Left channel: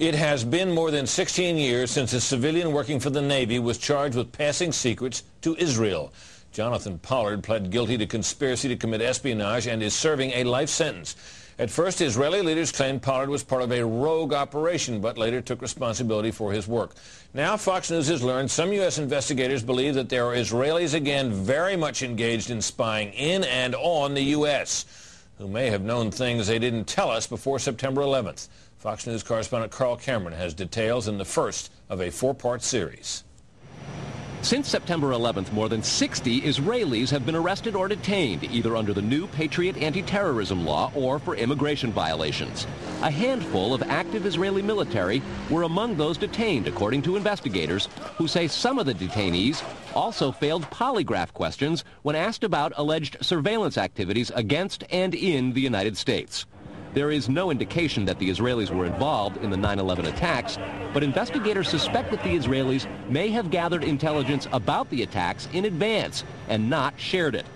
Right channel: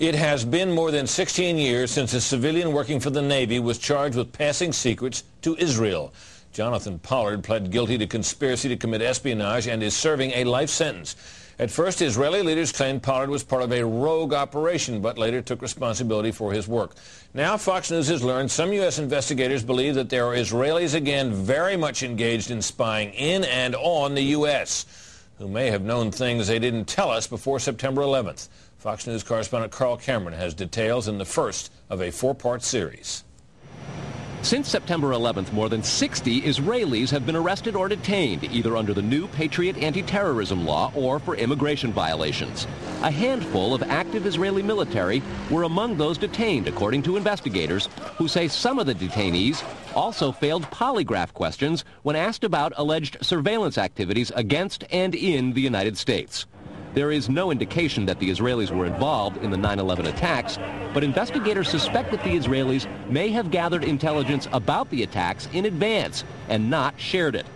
It has been more than 16 years since a civilian working for the Navy was charged with passing secrets to Israel. Jonathan Pollard pled guilty to conspiracy to commit espionage and is serving a life sentence. At first, Israeli leaders claimed Pollard was part of a rogue operation, but later took responsibility for his work. Now, Fox News has learned some U.S. investigators believe that there are Israelis again very much engaged in spying in and on the U.S., who may have known things they didn't tell us before September 11th. Fox News correspondent Carl Cameron has details in the first of a four-part series. Since September 11th, more than 60 Israelis have been arrested or detained, either under the new Patriot anti-terrorism law or for immigration violations. A handful of active Israeli military were among those detained, according to investigators, who say some of the detainees also failed polygraph questions when asked about alleged surveillance activities against and in the United States. There is no indication that the Israelis were involved in the 9/11 attacks, but investigators suspect that the Israelis may have gathered intelligence about the attacks in advance and not shared it.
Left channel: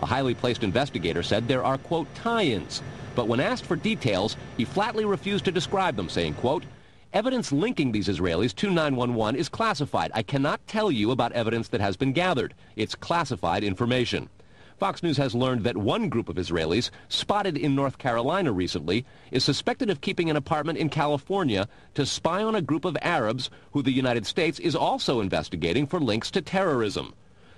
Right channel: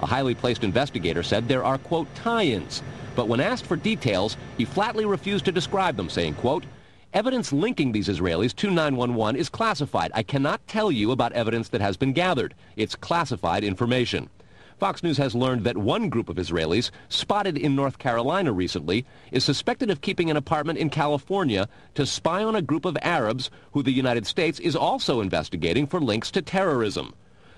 A highly placed investigator said there are, quote, tie-ins, but when asked for details, he flatly refused to describe them, saying, quote, evidence linking these Israelis to 9/11 is classified. I cannot tell you about evidence that has been gathered. It's classified information. Fox News has learned that one group of Israelis, spotted in North Carolina recently, is suspected of keeping an apartment in California to spy on a group of Arabs who the United States is also investigating for links to terrorism.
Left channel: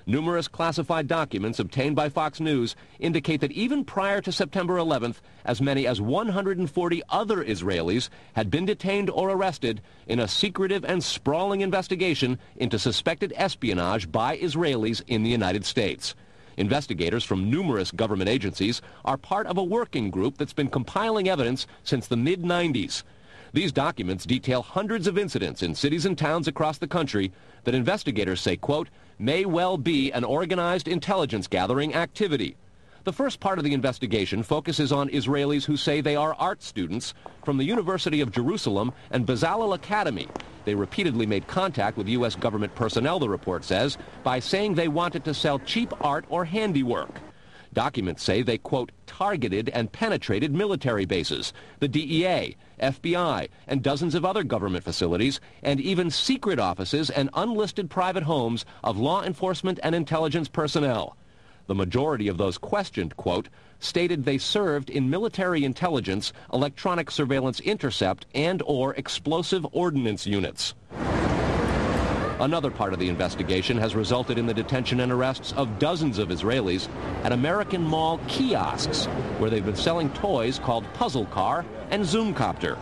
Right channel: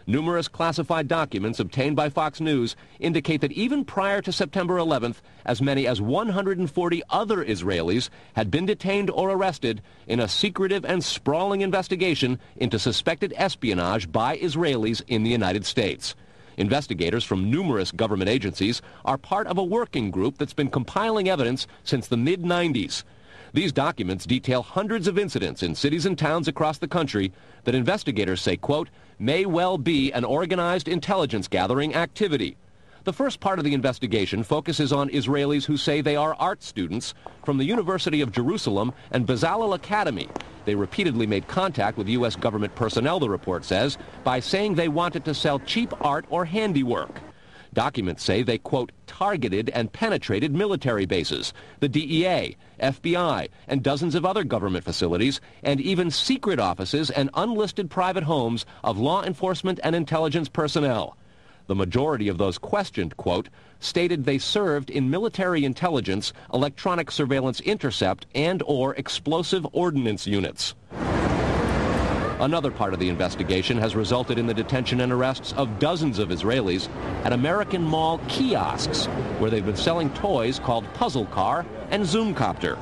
Numerous classified documents obtained by Fox News indicate that even prior to September 11th, as many as 140 other Israelis had been detained or arrested in a secretive and sprawling investigation into suspected espionage by Israelis in the United States. Investigators from numerous government agencies are part of a working group that's been compiling evidence since the mid-90s. These documents detail hundreds of incidents in cities and towns across the country that investigators say, quote, may well be an organized intelligence gathering activity. The first part of the investigation focuses on Israelis who say they are art students from the University of Jerusalem and Bezalel Academy. They repeatedly made contact with U.S. government personnel, the report says, by saying they wanted to sell cheap art or handiwork. Documents say they, quote, targeted and penetrated military bases, the DEA, FBI, and dozens of other government facilities, and even secret offices and unlisted private homes of law enforcement and intelligence personnel. The majority of those questioned, quote, stated they served in military intelligence, electronic surveillance intercept, and or explosive ordnance units. Another part of the investigation has resulted in the detention and arrests of dozens of Israelis at American Mall kiosks, where they've been selling toys called Puzzle Car and Zoomcopter.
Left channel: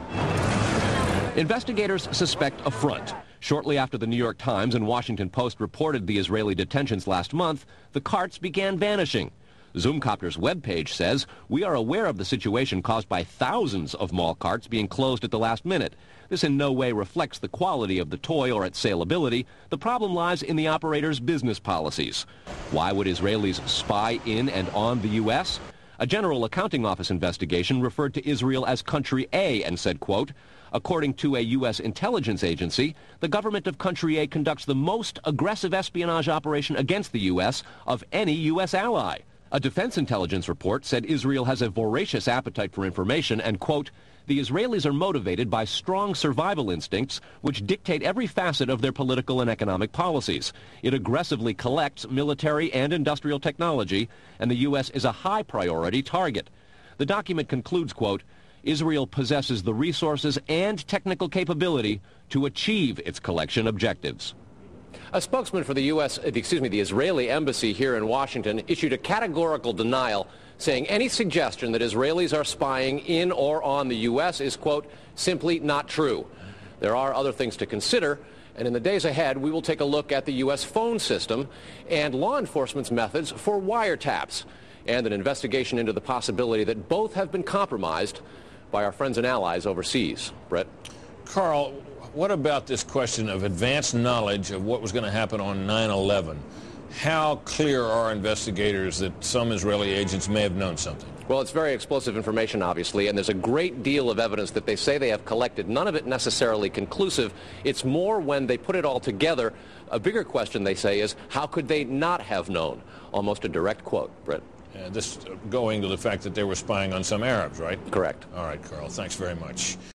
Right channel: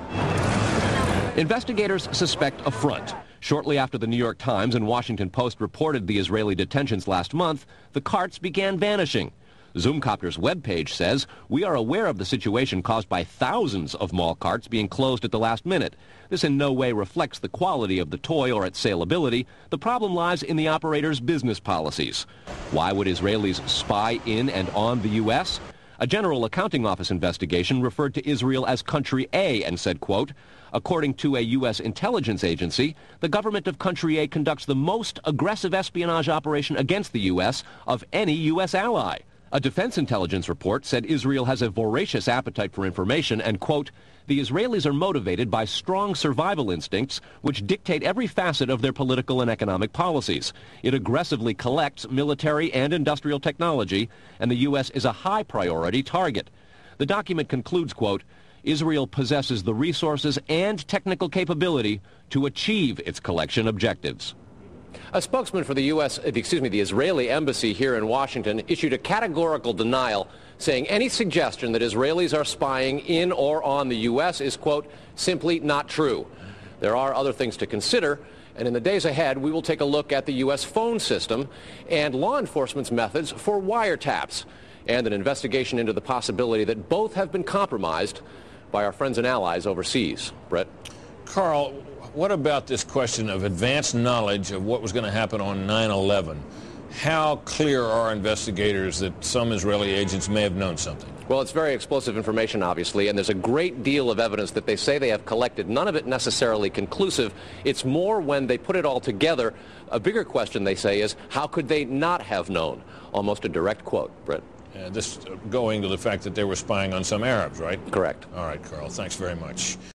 Investigators suspect a front. Shortly after the New York Times and Washington Post reported the Israeli detentions last month, the carts began vanishing. Zoomcopter's webpage says, we are aware of the situation caused by thousands of mall carts being closed at the last minute. This in no way reflects the quality of the toy or its saleability. The problem lies in the operator's business policies. Why would Israelis spy in and on the U.S.? A General Accounting Office investigation referred to Israel as Country A and said, quote, according to a U.S. intelligence agency, the government of Country A conducts the most aggressive espionage operation against the U.S. of any U.S. ally. A defense intelligence report said Israel has a voracious appetite for information and, quote, the Israelis are motivated by strong survival instincts which dictate every facet of their political and economic policies. It aggressively collects military and industrial technology, and the U.S. is a high priority target. The document concludes, quote, Israel possesses the resources and technical capability to achieve its collection objectives. A spokesman for the the Israeli embassy here in Washington issued a categorical denial, saying any suggestion that Israelis are spying in or on the U.S. is, quote, simply not true. There are other things to consider, and in the days ahead, we will take a look at the U.S. phone system and law enforcement's methods for wiretaps, and an investigation into the possibility that both have been compromised by our friends and allies overseas. Brett? Carl, what about this question of advanced knowledge of what was going to happen on 9/11? How clear are investigators that some Israeli agents may have known something? Well, it's very explosive information, obviously, and there's a great deal of evidence that they say they have collected. None of it necessarily conclusive. It's more when they put it all together. A bigger question, they say, is how could they not have known? Almost a direct quote, Brett. Yeah, this going to the fact that they were spying on some Arabs, right? Correct. All right, Carl, thanks very much.